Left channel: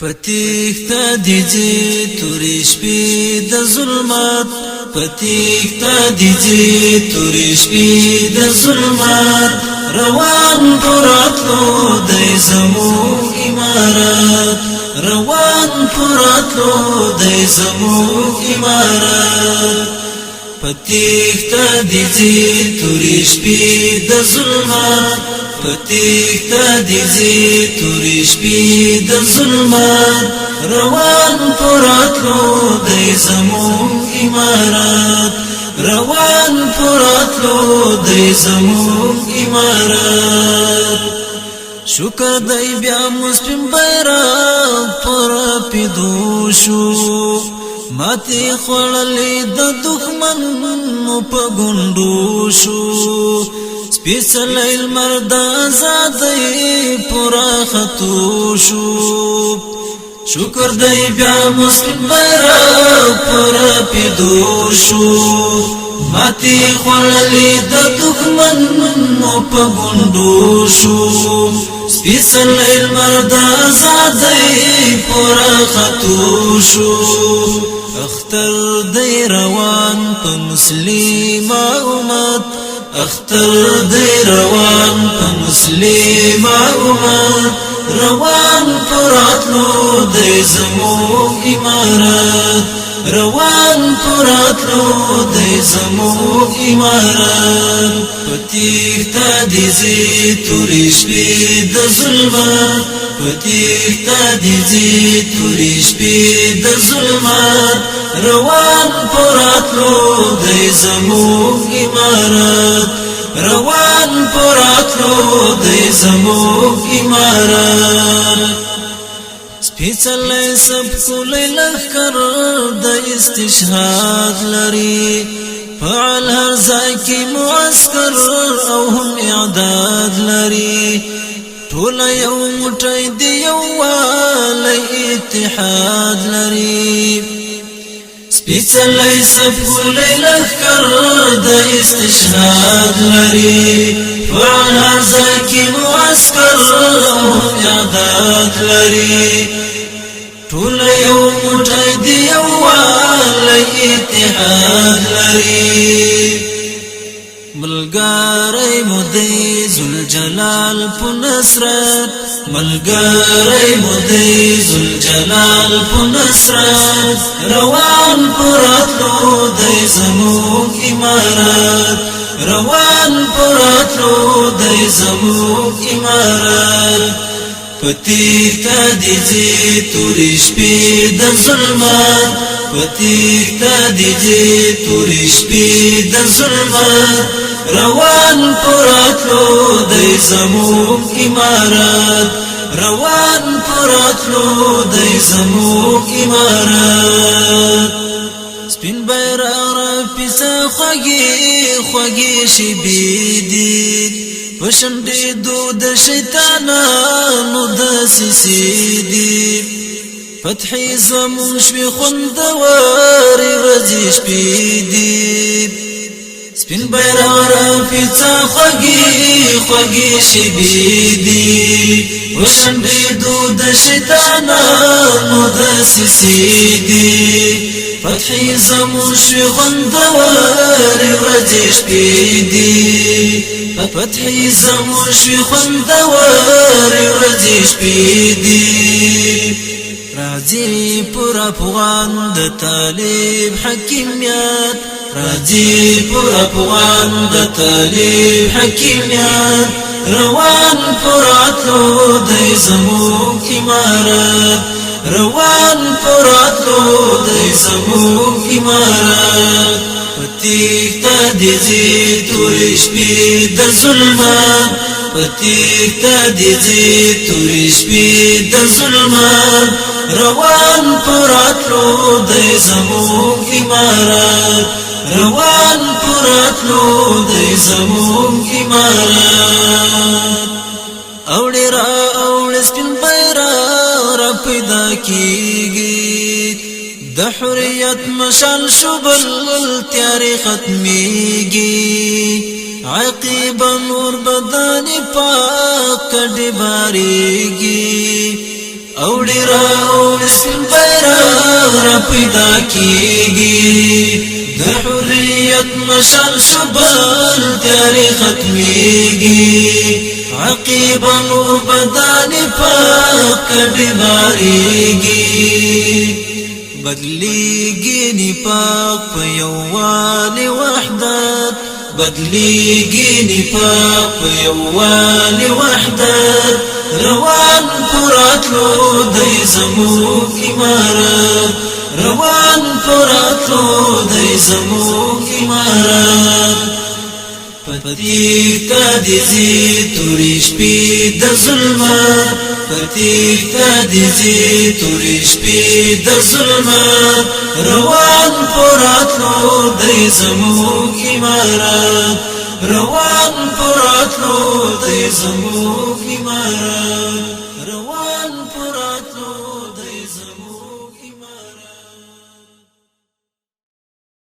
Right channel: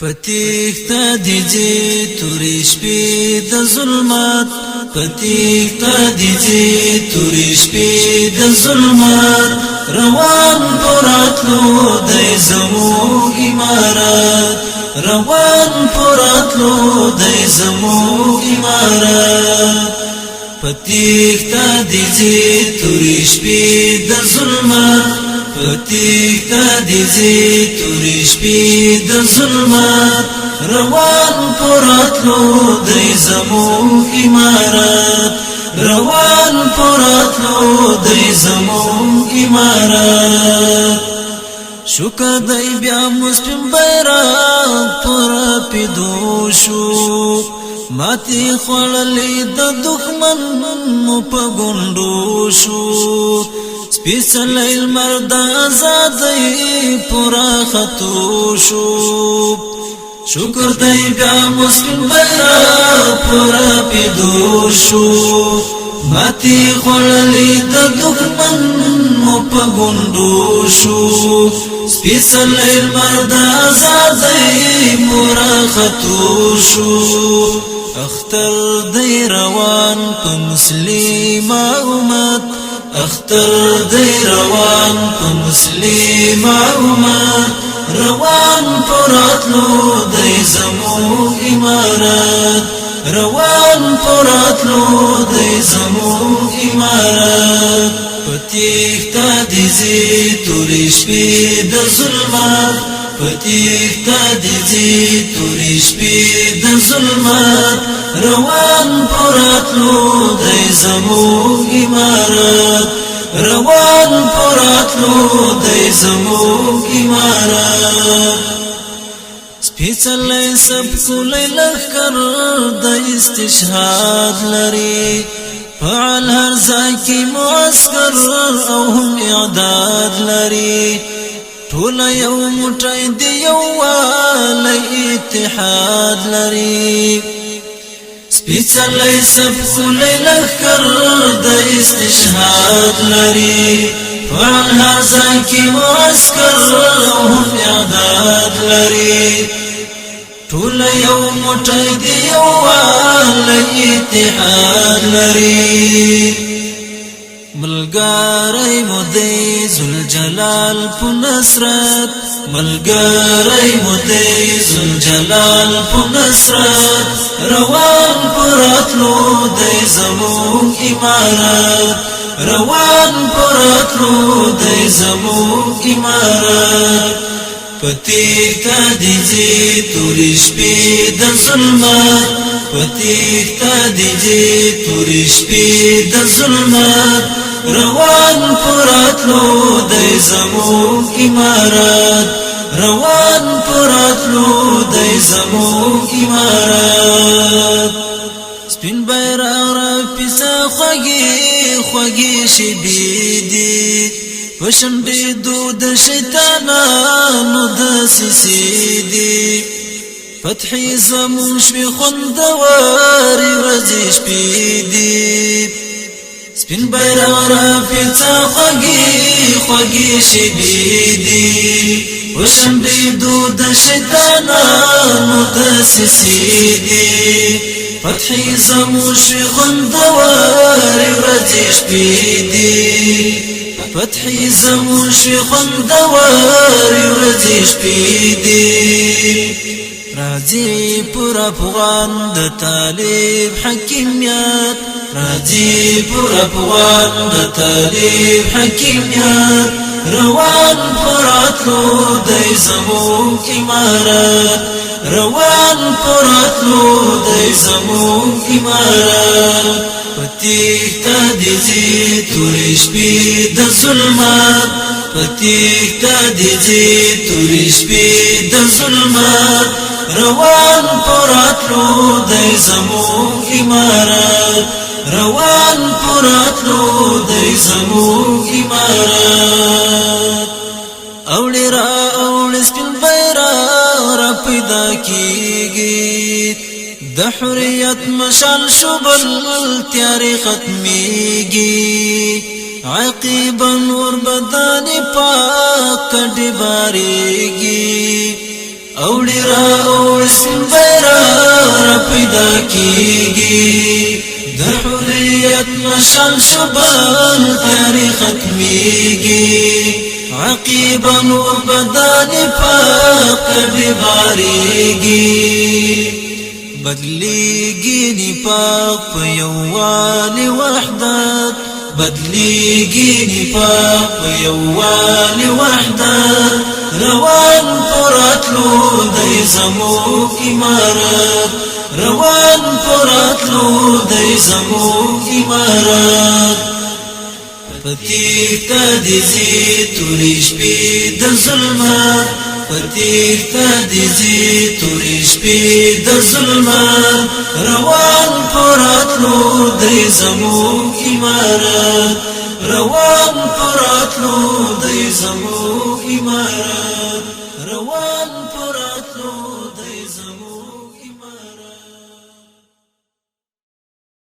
پتیختا دیجی توری شپی د ظلمات پتیختا دیجی توری شپی د ظلمات روان پراتلو د زمو امارات روان پراتلو د زمو امارات پتیختا دیجی توری شپی د ظلمات پتیختا دیجی توری شپی د ظلمات روان پراتلو د زمو امارات روان پراتلو د زمو امارات شکر دای بیا مسلم بیرغ پر پیدو شو ماتی خوړلې د دښمن مو په ګوندو شو سپیڅلی لمر د ازادۍ پوره ختو شو شکر دی بیا مسلم بیرغ پوره پیدو شو ماتی خوړلې د دښمن مو په ګوندو شو سپیڅلی لمر د ازادۍ پوره ختو شو اختر دی روان په مسلم امت اختر دی روان په مسلم امت روان پراتلو د زمو امارات روان پراتلو د زمو امارات پتیختا دیجی توری شپی د ظلمات پتیختا دیجی توری شپی د ظلمات روان پراتلو د زمو امارات روان پراتلو د زمو امارات سپیڅلی سبکولی لخکر د استشهاد لري فعال هر ځای کې معسکر او هم اعداد لري ټول یو موټی دی یووالی اتحاد لري سپیڅلی سبکولی لخکر د استشهاد لري فعال هر ځای کې معسکر او هم اعداد لري ټول یو موټی دی یووالی اتحاد لري ملګری مو دی ذوالجلال په نصرت ملګری مو دی ذوالجلال په نصرت روان پراتلو د زمو امارات روان پراتلو د زمو امارات پتیختا دیجی توری شپی د ظلمات پتیختا دیجی توری شپی د ظلمات روان پراتلو د زمو امارات روان پراتلو د زمو امارات سپین بیرغ را پیسه خوږی خوږی شیبې دي پشنډېدو د شیطانانو دسیسې دي فتحې زموږ شوې خوندورې ورځې شپې دي سپین بیرغ را پیڅه خوږې خوږې شیبې دي پشنډېدو د شیطانانو دسیسې دي فتحې زموږ شوې خوندورې ورځې شپې دي فتحې زموږ شوې خوندورې ورځې شپې دي راځي پر افغان د طالب حکیمیت راځي پر افغان د طالب حکیمیت روان پراتلو د زمو امارات روان پراتلو د زمو امارات پتیختا دیجی توری شپی د ظلمات پتیختا دیجی توری شپی د ظلمات روان پراتلو د زمو امارات روان پراتلو د زمو امارات اوړي را اوړي سپین بیرغ را پیدا کیږي د حریت مشال شبل تیارې ختمیږي عقیب نور بدن پاک ډبارېږي اوڑی را اوڑی سپین بیرغ را پیدا کیږي د حریت مشال شبال تیاری ختمیږي عقیبا نور بدن پاک کډی باریږي بدلیږي نفاق په یووالي وحدت بدلیږي نفاق په یووالي وحدت روان پراتلو دی زموږ امارت روان پراتلو دی زموږ امارت پتیختا دیزی توری شپی د ظلمت پتیختا دیزی توری شپی د ظلمت روان پراتلو دی زموږ امارت روان پراتلو دی زموږ امارت روان پراتلو دی زموږ